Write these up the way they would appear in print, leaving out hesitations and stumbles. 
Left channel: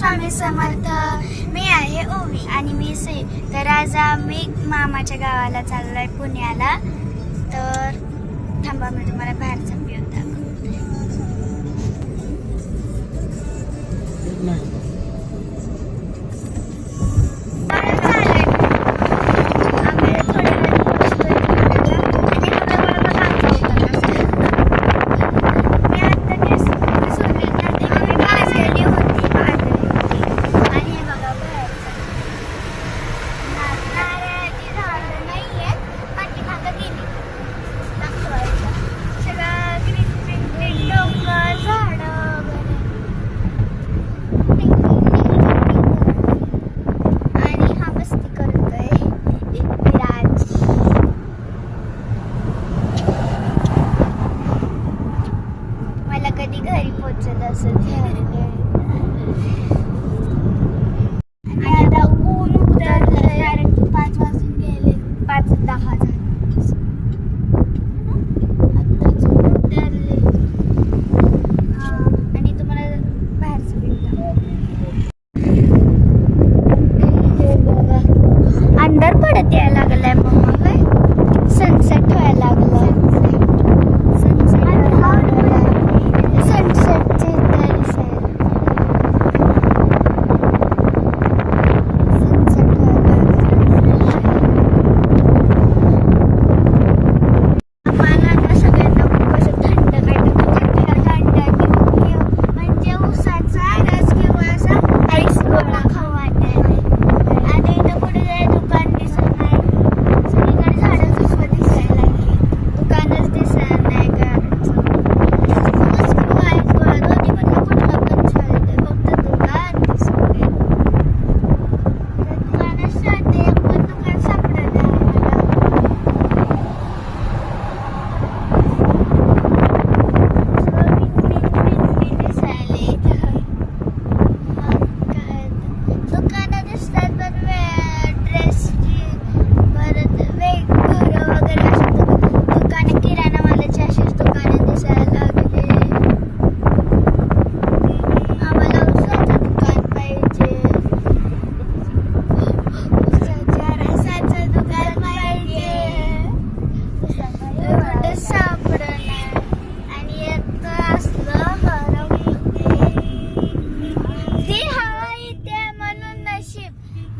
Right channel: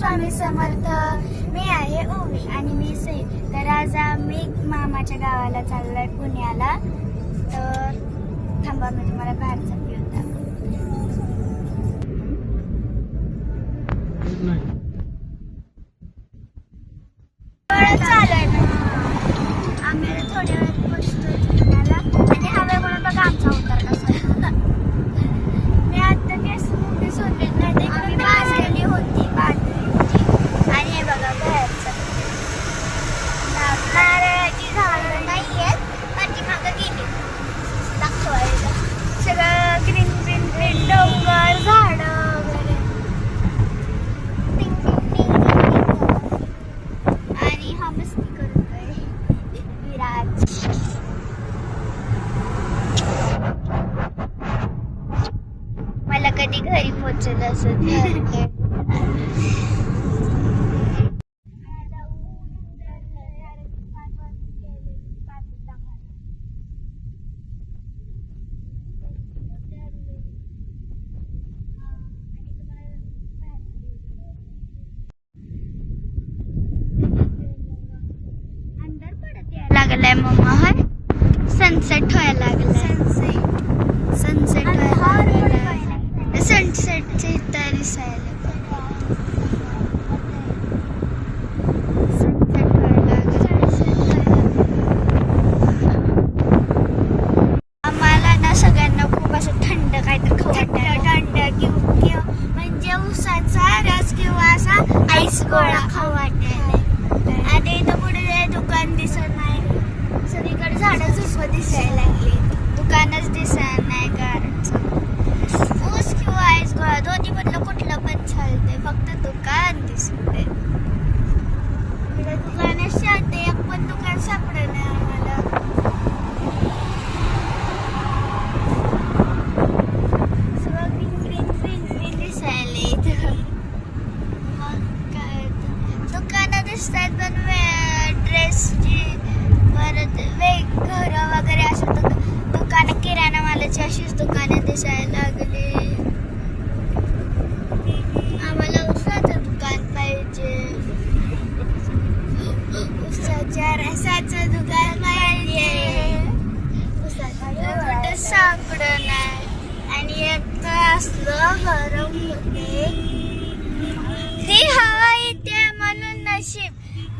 स्वामी समर्थ. मी आहे ओवी आणि मी सई. तर आज आम्ही मामाच्या गावाला चाललोय पुण्याला. तर थांबा मी तुम्हाला बाहेरचा व्ह्यू दाखवते. चालू कधी घरी पोहोचल असं झालं. आणि आता ऊन उतरलं, डायरेक्ट 5 वाजून गेले, 5:10 झाले. आत्ताच उतरले. आणि तुम्हाला बाहेरचं अंधार पडत यायला लागलाय मम्मा. हाय सनसेट व्हायला लागलाय. सनसेट व्हायला लागलाय. सनसेटचे तयारी सनसेट व्हायला आम्हाला ना सगळ्यांना खूप असं थंड काहीतरी थंड म्हणजे उसाचा रस किंवा असा आईस गोळा खाऊ वाटायला. आणि इथं कुठे दुकान दिसत नाही. सगळीकडे झाडं झुडपं दिसायला लागली. दुकानच दिसत नाही गाडीचं. दोन्ही मधलं कुठलं पण चालते, फक्त दुकान दिसते. दुकानात शांती एक पण दुकान सापडलं आम्हाला. सगळं पिंपरी दिसायले. मग काय दुकानं दिसतात पण ड्रेसची परत घरं वगैरे असं दुकानं किराणा मालाची अशीच दुकानं दिसायला लागली.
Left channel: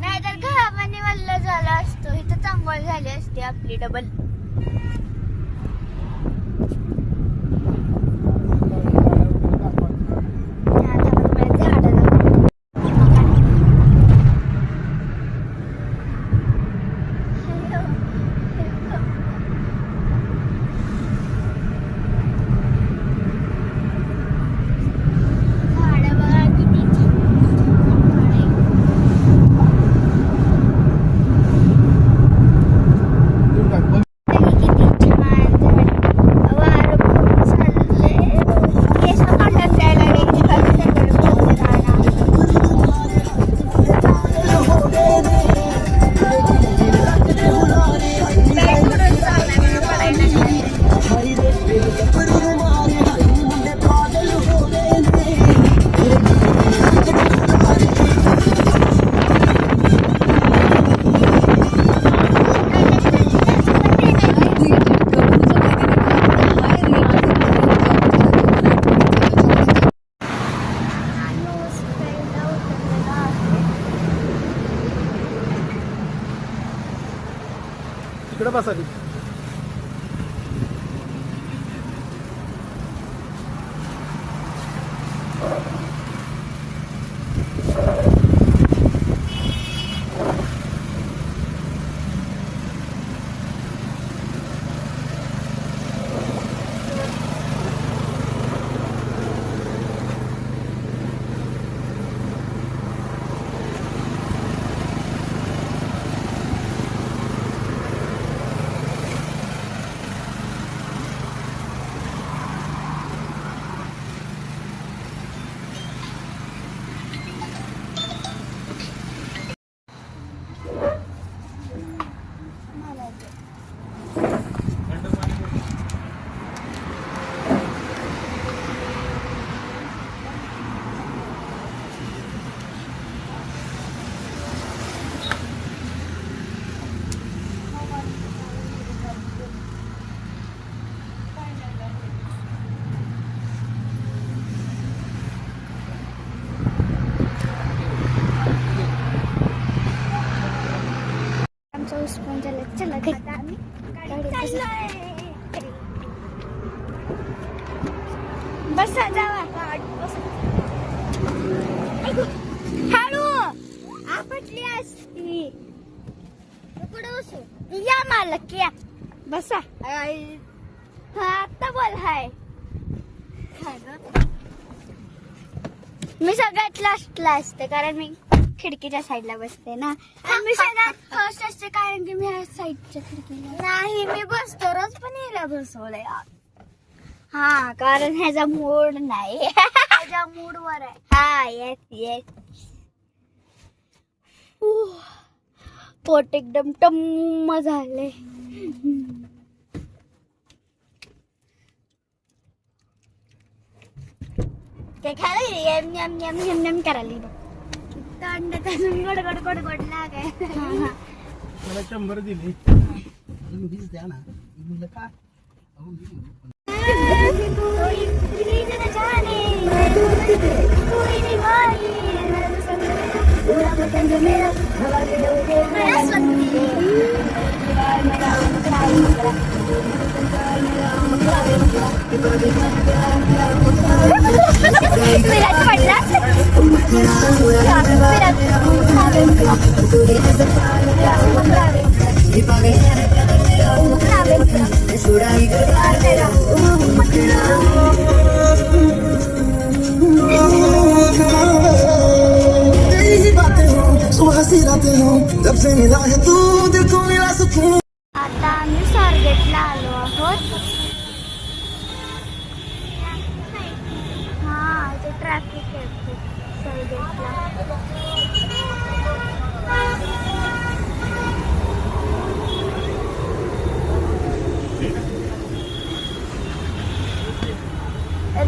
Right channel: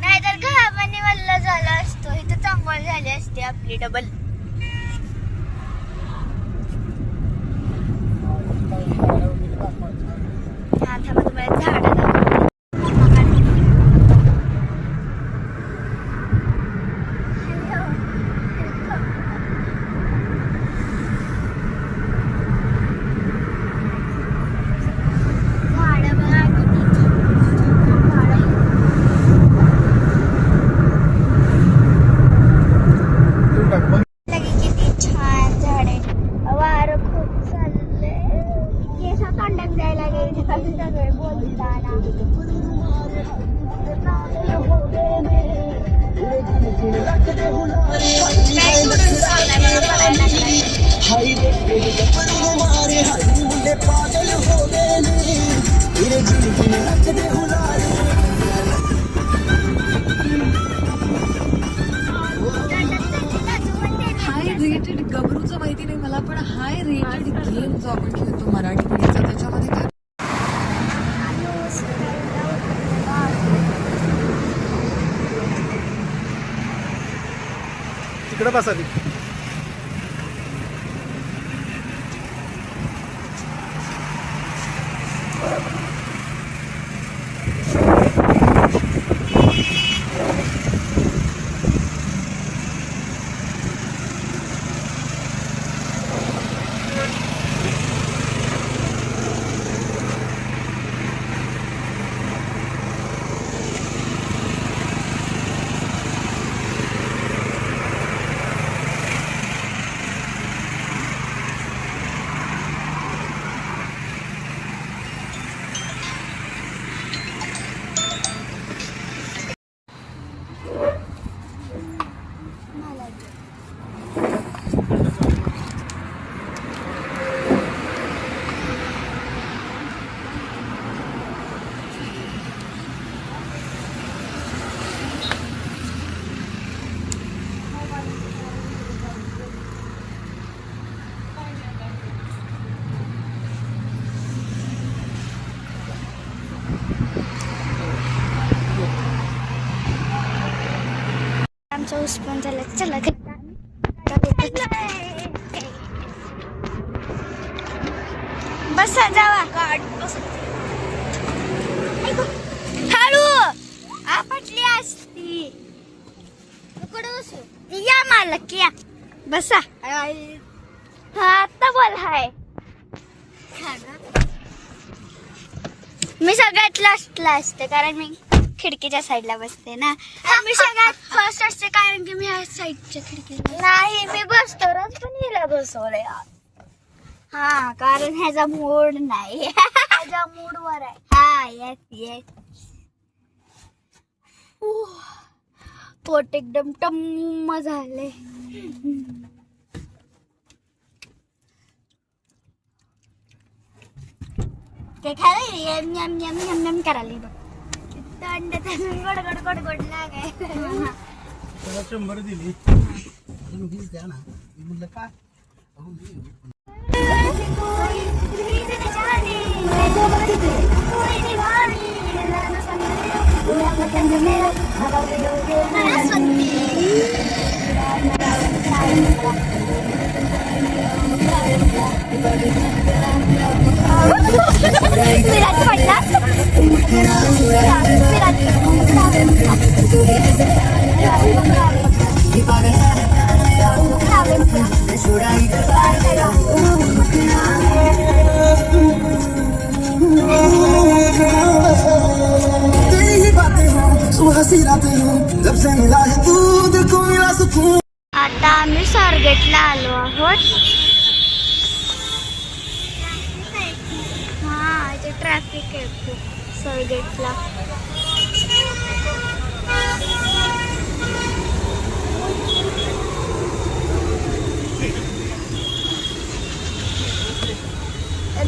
नाहीतर घामाने वल्ल झालं असतो. इथं चांगल झाली असते आपली डबल. तिकडे बसा. पाऊस पण झाला. चला बसा जावा हळू आपटली असती कुठं बसू या मालक या बसा. हा आता बोल हाय. मी सगळ्यात लास्टला असते कारण मी खिडकीच्या साईडला बसते ना. मी सगळ्यात फर्स्ट असते कारण की मी ह्या साईडच्या खिडकीला नाही. मी बसतो रोज पण हिला बसवलंय. हा कारण ह्याचा मूड नाही. ह्याच्या मूडवर आहे. हा येस येस. पोट एकदम टम्म झाले. ते खाली yum yum yum yum yum करायला तंड गोड गोड गोड गोड लागे. मला 100 दिली. 20 द्या ना. म्हणलं काय आता आम्ही स्वारगेटला आलो आहोत. हा इथे ट्रॅफिक आहे खूप स्वारगेटला.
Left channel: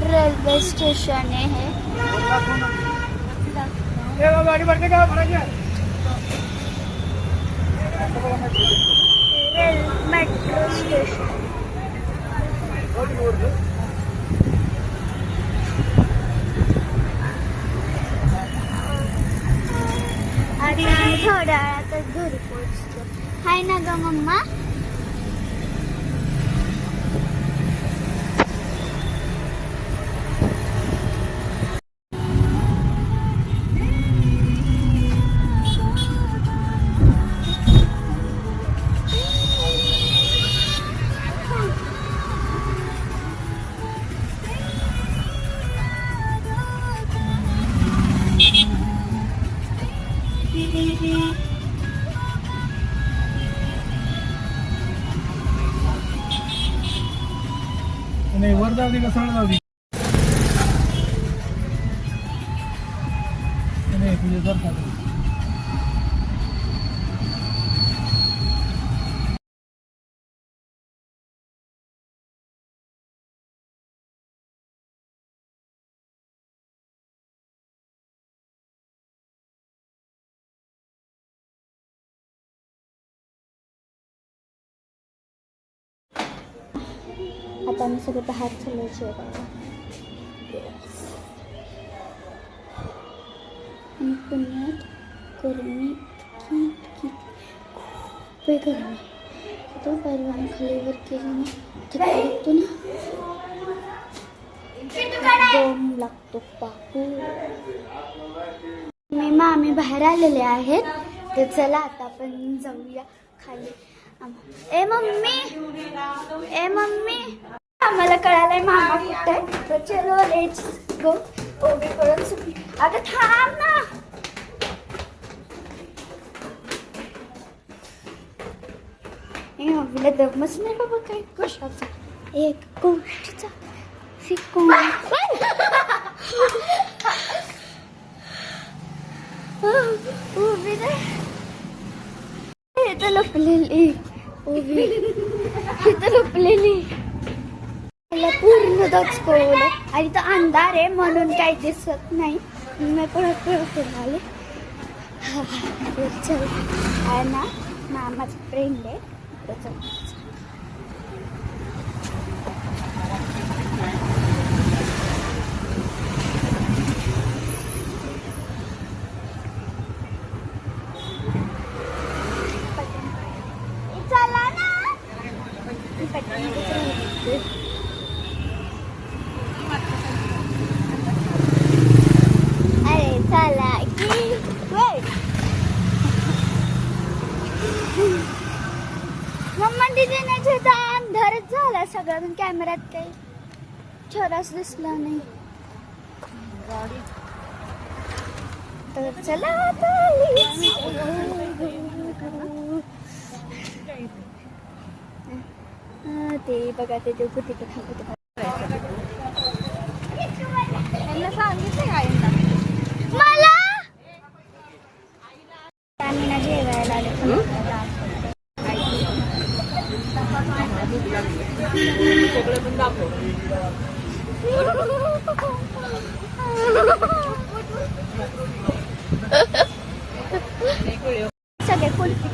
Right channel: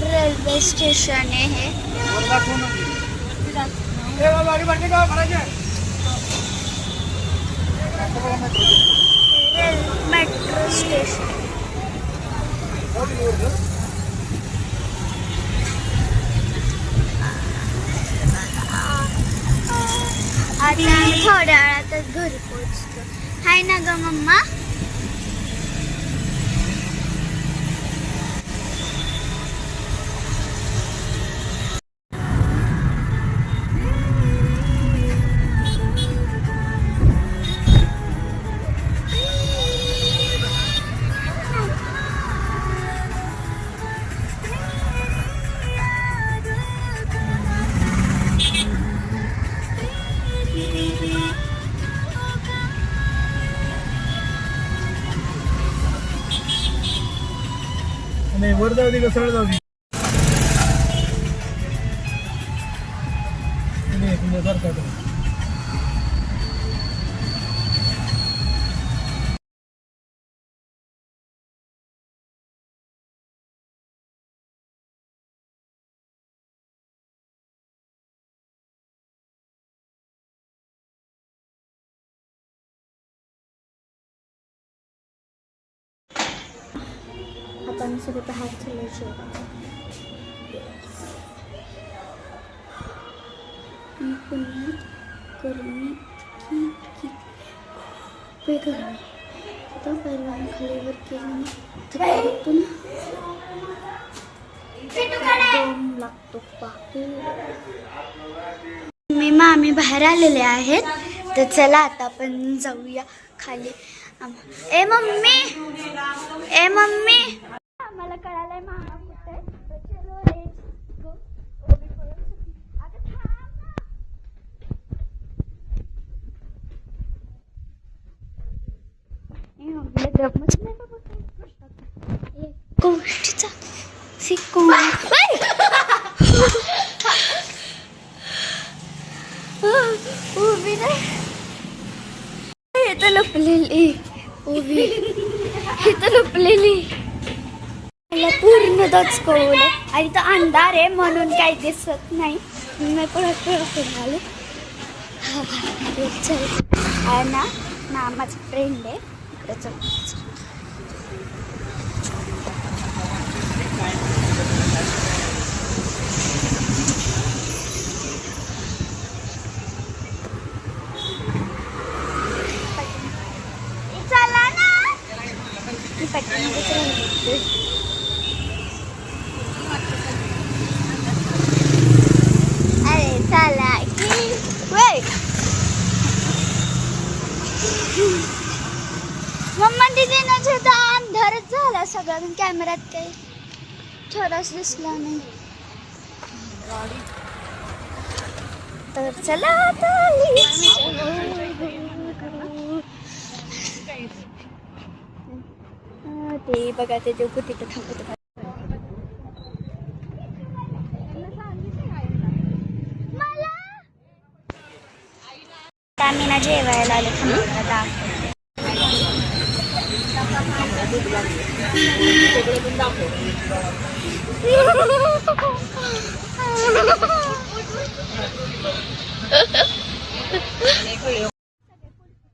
रेल्वे स्टेशन आहे हे. Metro station. आता थोड्या वेळातच घरी पोहोचतो. हाय ना ग मम्मा. नाही वर जाऊ दे का सरळ जाऊ दे. तुझ्या करता आता आम्ही सगळे बाहेर चाललो जेवायला. आणि पुण्यात गरमी खूप गरमी. आता पहिल्यांदा खालीवर गेलं ना दम लागतो बापू. मी मामी बाहेर आलेले आहेत तर चला आता आपण जाऊया खाली. ए मम्मी ए मम्मी आम्हाला कळालंय मामा कुठे आहे तर चलो लेट्स गो. ओबी करून सुटली. आता थांब ना. ओबीला दमच नाही बाबा काय कशाचा एक गोष्टीचा शिकून. ओबी नाही हे तर लपलेली. ओबी हे तर लपलेली. मला पूर्ण दचकवलं आणि तो अंधार आहे म्हणून काही दिसत नाही. मी परत परत आले. चल आहे ना मामाचा फ्रेंड आहे इकडे जाऊ. सगळा पण कॅमेऱ्यात काही छोराच दिसला नाही. तर चला आता ते बघा ते देव तिथे थांबत मला आम्ही ना जेवायला आले थांबला दाखवते. सगळे कुल्फी